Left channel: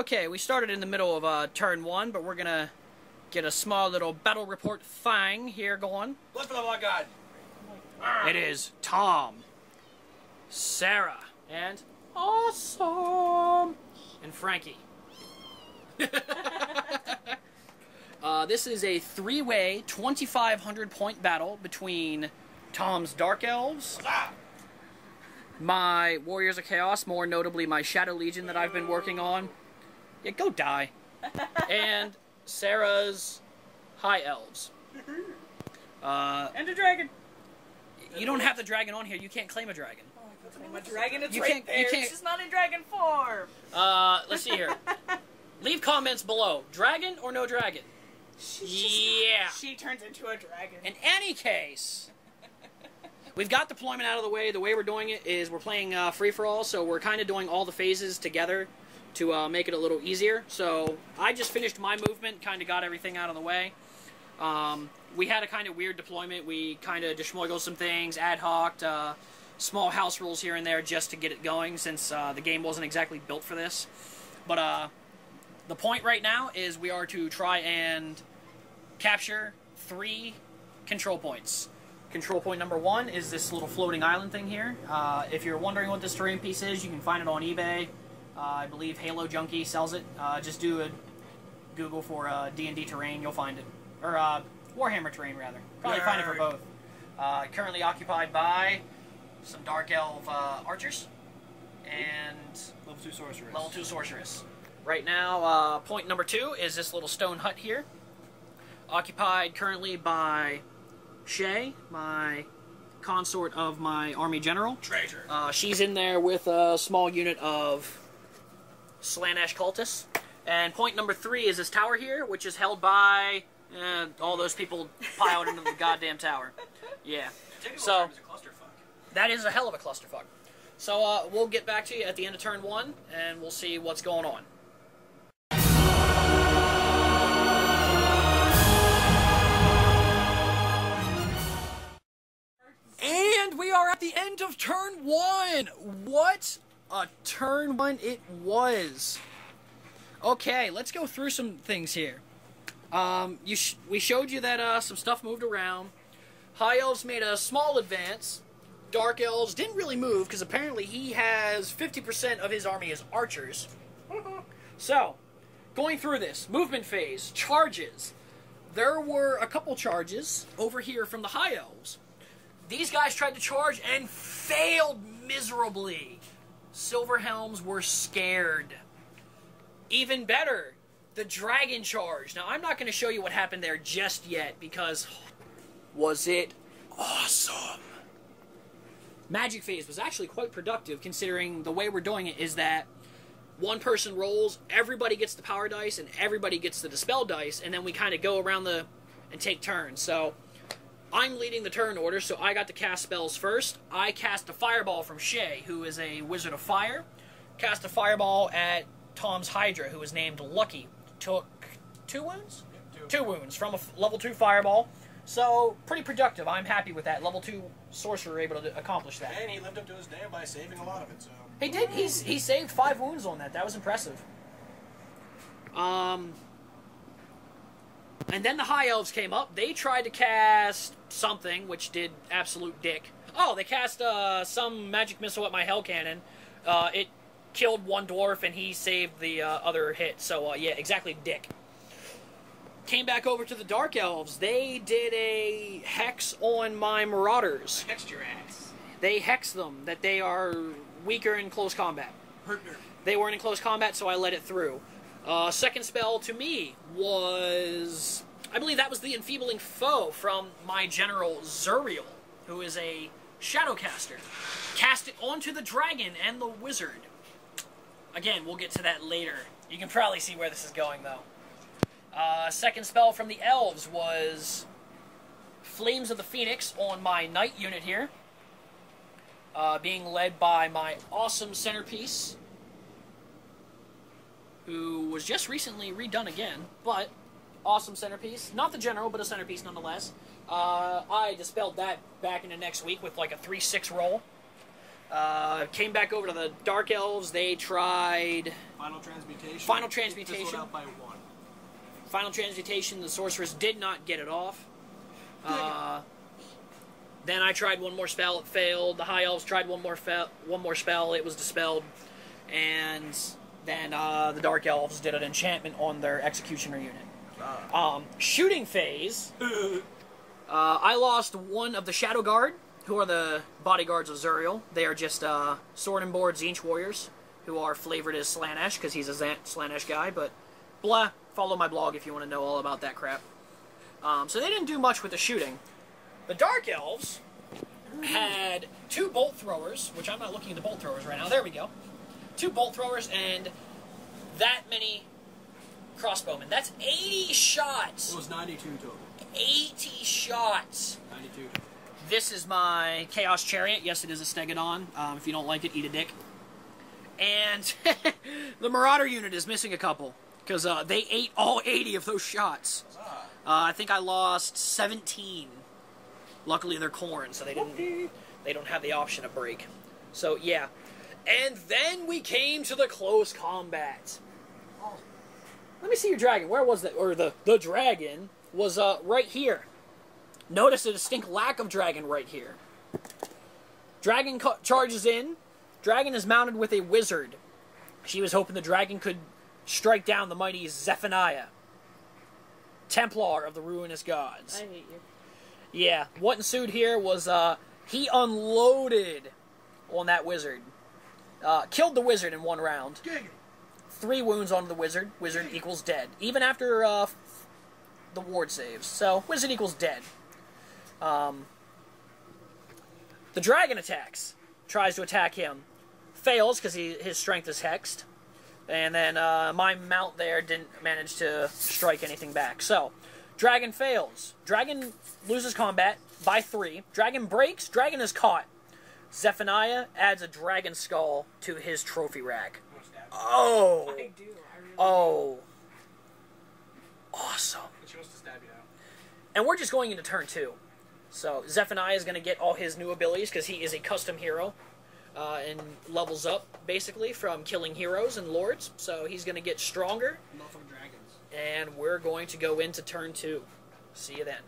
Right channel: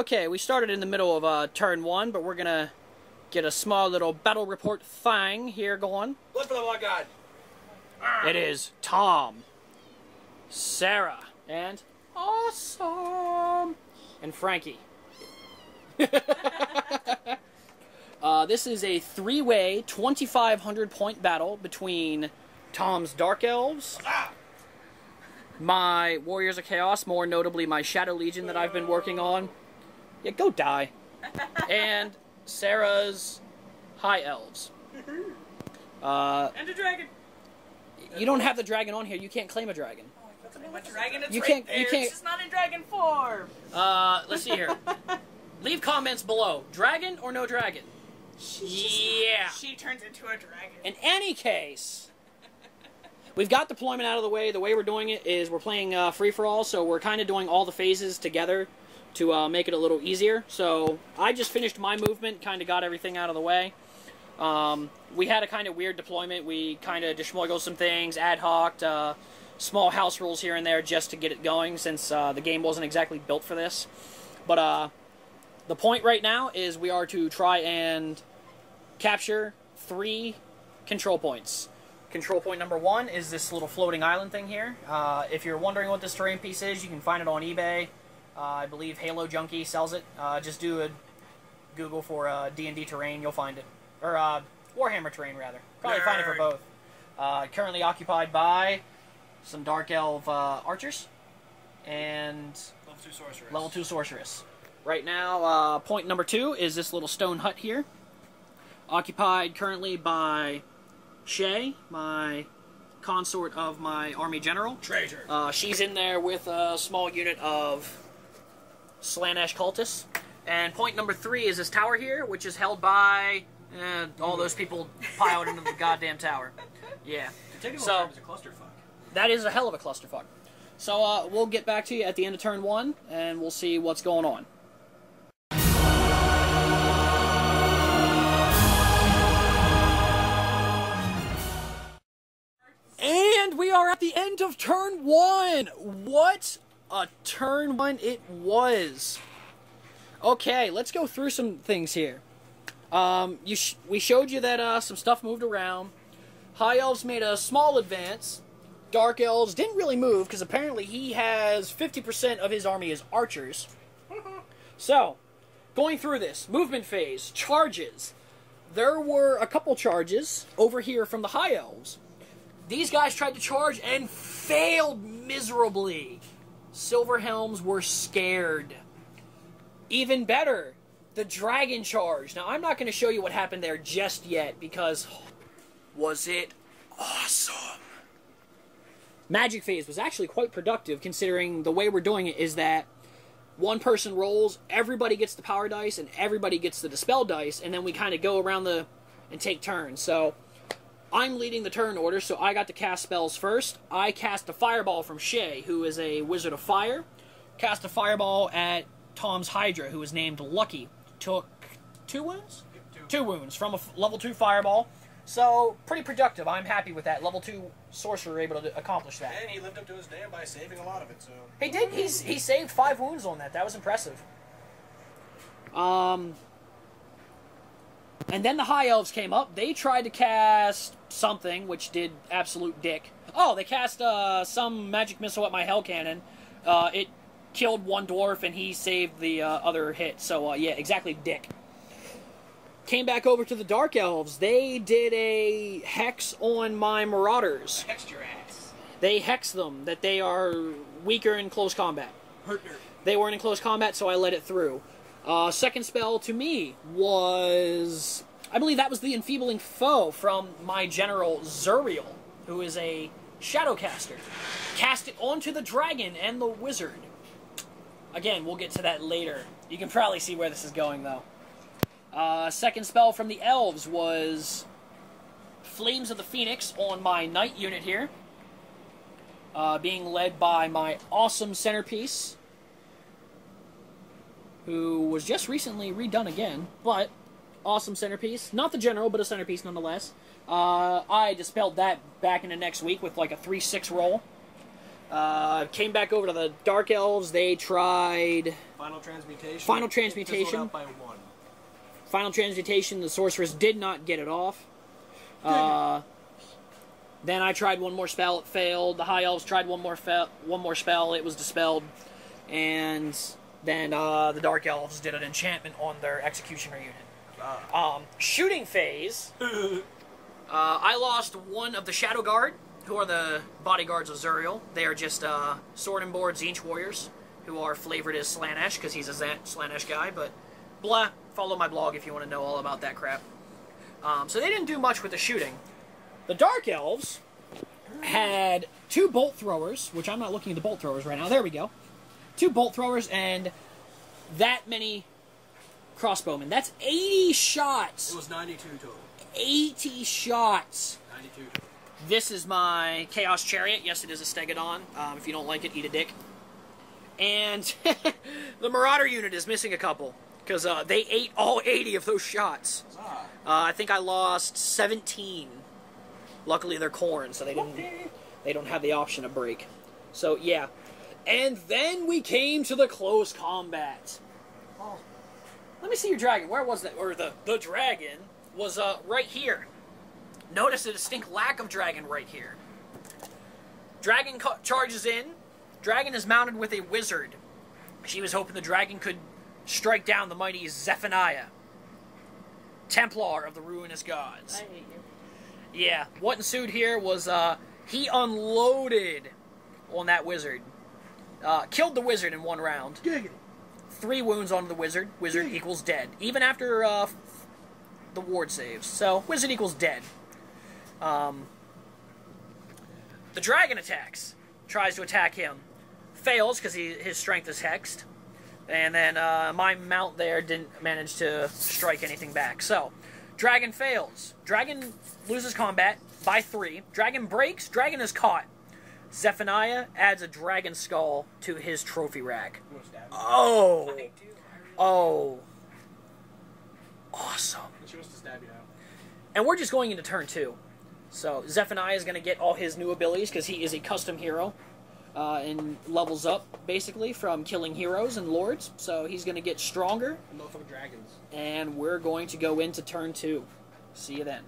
Okay, we started in the middle of turn 1, but we're gonna get a small little battle report thing here going. Look for the one guy. It is Tom, Sarah, and Awesome, and Frankie. This is a 3-way, 2,500-point battle between Tom's Dark Elves, my Warriors of Chaos, more notably my Shadow Legion that I've been working on. Yeah, go die. And Sarah's High Elves. And the dragon. You don't have the dragon on here. You can't claim a dragon. What dragon? It's You right can't- there. you can't- It's just not in dragon form. Let's see here. Leave comments below. Dragon or no dragon? Yeah. She turns into a dragon. In any case, we've got deployment out of the way. The way we're doing it is we're playing free-for-all, so we're kind of doing all the phases together to make it a little easier. So I just finished my movement, kind of got everything out of the way. We had a kind of weird deployment. We kind of deschmoggled some things, ad hoc, small house rules here and there just to get it going, since the game wasn't exactly built for this. But the point right now is we are to try and capture 3 control points. Control point number 1 is this little floating island thing here. If you're wondering what this terrain piece is, you can find it on eBay. I believe Halo Junkie sells it. Just do a Google for D&D terrain, you'll find it. Or Warhammer terrain, rather. Probably find it for both. Currently occupied by some Dark Elf archers and Level 2 sorceress. Level 2 sorceress. Right now, point number 2 is this little stone hut here. Occupied currently by Shay, my consort of my army general. Treasure. She's in there with a small unit of Slaanesh cultists. And point number 3 is this tower here, which is held by all those people piled into the goddamn tower. Yeah. So It's a clusterfuck. that is a hell of a clusterfuck. So we'll get back to you at the end of turn 1, and we'll see what's going on. And we are at the end of turn 1. What a turn 1 it was. Okay, let's go through some things here. We showed you that some stuff moved around. High Elves made a small advance. Dark Elves didn't really move, because apparently he has 50% of his army as archers. So, going through this, movement phase, charges. There were a couple charges over here from the High Elves. These guys tried to charge and failed miserably. Silverhelms were scared. Even better, the dragon charge. Now, I'm not going to show you what happened there just yet, because was it awesome? Magic phase was actually quite productive, considering the way we're doing it is that one person rolls, everybody gets the power dice, and everybody gets the dispel dice, and then we kind of go around and take turns. So I'm leading the turn order, so I got to cast spells first. I cast a fireball from Shay, who is a wizard of fire. Cast a fireball at Tom's Hydra, who was named Lucky. Took 2 wounds? 2 wounds from a level 2 fireball. So, pretty productive. I'm happy with that. Level 2 sorcerer able to accomplish that. And he lived up to his name by saving a lot of it, so... He did. He saved 5 wounds on that. That was impressive. And then the High Elves came up. They tried to cast something, which did absolute dick. Oh, they cast some magic missile at my Hell Cannon. It killed one dwarf, and he saved the other hit. So, yeah, exactly dick. Came back over to the Dark Elves. They did a hex on my Marauders. Hexed your ass. They hexed them, that they are weaker in close combat. They weren't in close combat, so I let it through. Second spell to me was... I believe that was the Enfeebling Foe from my General Zuriel, who is a Shadowcaster. Cast it onto the Dragon and the Wizard. Again, we'll get to that later. You can probably see where this is going, though. Second spell from the Elves was Flames of the Phoenix on my Knight unit here. Being led by my awesome Centerpiece, who was just recently redone again, but awesome Centerpiece. Not the General, but a Centerpiece nonetheless. I dispelled that back into next week with like a 3-6 roll. Came back over to the Dark Elves. They tried Final transmutation. Final transmutation. Fizzled out by 1. Final transmutation, the sorceress did not get it off. Then I tried one more spell, it failed. The high elves tried one more spell, it was dispelled. And then the dark elves did an enchantment on their executioner unit. Shooting phase, I lost one of the Shadow Guard, who are the bodyguards of Zuriel. They are just sword and board Tzeentch warriors, who are flavored as Slaanesh, because he's a Slaanesh guy, but blah, follow my blog if you want to know all about that crap. So they didn't do much with the shooting. The Dark Elves had 2 bolt throwers, which I'm not looking at the bolt throwers right now. There we go. 2 bolt throwers and that many crossbowmen. That's 80 shots. It was 92 total. 80 shots. 92. This is my Chaos Chariot. Yes, it is a Stegodon. If you don't like it, eat a dick. And the Marauder unit is missing a couple, because they ate all 80 of those shots. I think I lost 17. Luckily, they're corn, so they don't have the option to break. So, yeah. And then we came to the close combat. Let me see your dragon. Where was that? Or the dragon was right here. Notice a distinct lack of dragon right here. Dragon charges in. Dragon is mounted with a wizard. She was hoping the dragon could strike down the mighty Zephaniah, Templar of the Ruinous Gods. I hate you. Yeah, what ensued here was he unloaded on that wizard. Killed the wizard in 1 round. 3 wounds on the wizard. Wizard equals dead. Even after the ward saves. So, wizard equals dead. The dragon attacks. Tries to attack him. Fails because his strength is hexed. And then my mount there didn't manage to strike anything back. So, dragon fails. Dragon loses combat by 3. Dragon breaks. Dragon is caught. Zephaniah adds a dragon skull to his trophy rack. Oh! Oh. Awesome. And we're just going into turn 2. So, Zephaniah is going to get all his new abilities, because he is a custom hero. And levels up, basically, from killing heroes and lords. So, he's going to get stronger. And we're going to go into turn 2. See you then.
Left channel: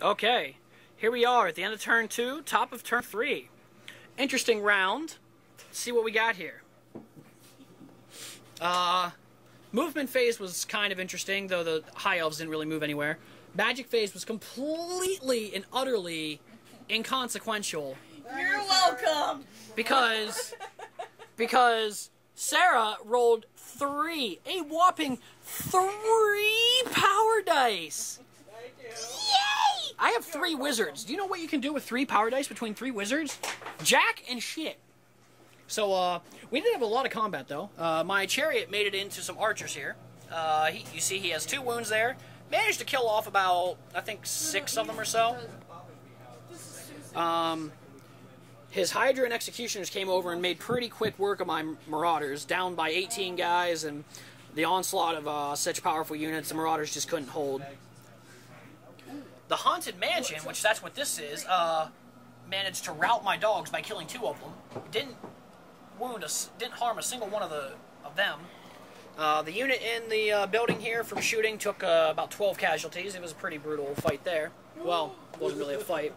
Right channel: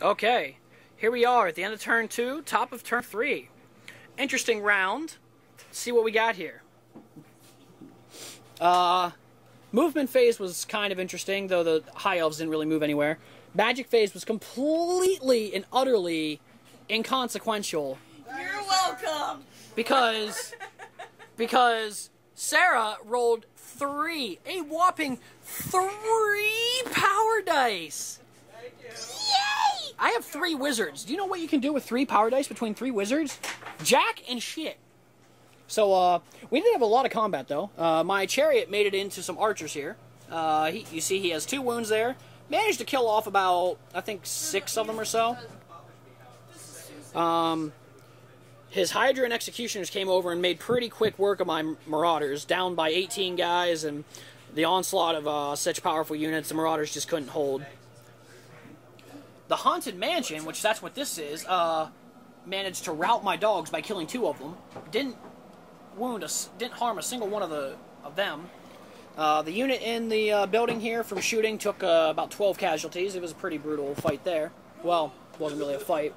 Okay, here we are at the end of turn 2, top of turn 3. Interesting round. Let's see what we got here. Movement phase was kind of interesting, though the high elves didn't really move anywhere. Magic phase was completely and utterly inconsequential. You're welcome! Because Sarah rolled a whopping 3 power dice. Yay! I have 3 wizards. Do you know what you can do with 3 power dice between 3 wizards? Jack and shit. So, we did have a lot of combat, though. My chariot made it into some archers here. You see he has 2 wounds there. Managed to kill off about, I think, 6 of them or so. His Hydra and Executioners came over and made pretty quick work of my Marauders, down by 18 guys, and the onslaught of such powerful units, the Marauders just couldn't hold. The Haunted Mansion, which that's what this is, managed to rout my dogs by killing 2 of them. Didn't harm a single one of them. The unit in the building here from shooting took about 12 casualties. It was a pretty brutal fight there. Well, it wasn't really a fight.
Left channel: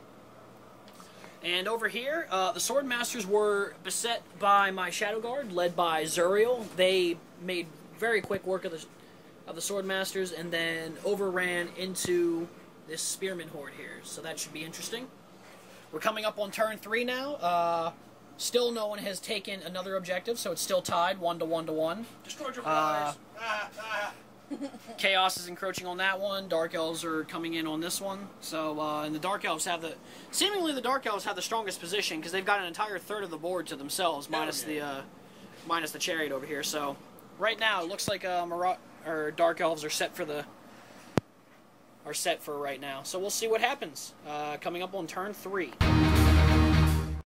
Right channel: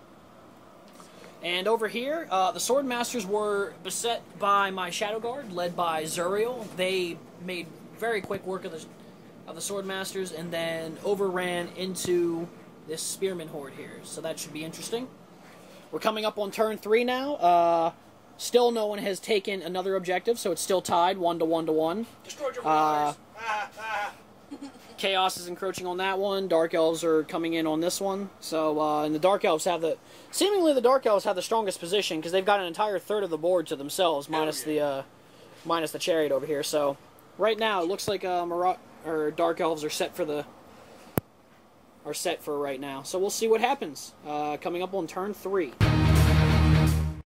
And over here, the Sword Masters were beset by my Shadow Guard, led by Zuriel. They made very quick work of the Sword Masters, and then overran into this Spearman Horde here. So that should be interesting. We're coming up on turn 3 now. Still no one has taken another objective, so it's still tied, 1 to 1 to 1. Destroyed your Marauders. Chaos is encroaching on that one. Dark Elves are coming in on this one. So, and the Dark Elves have seemingly the Dark Elves have the strongest position, because they've got an entire third of the board to themselves, minus the chariot over here. So, right now, it looks like Dark Elves are set for right now. So we'll see what happens. Coming up on turn 3.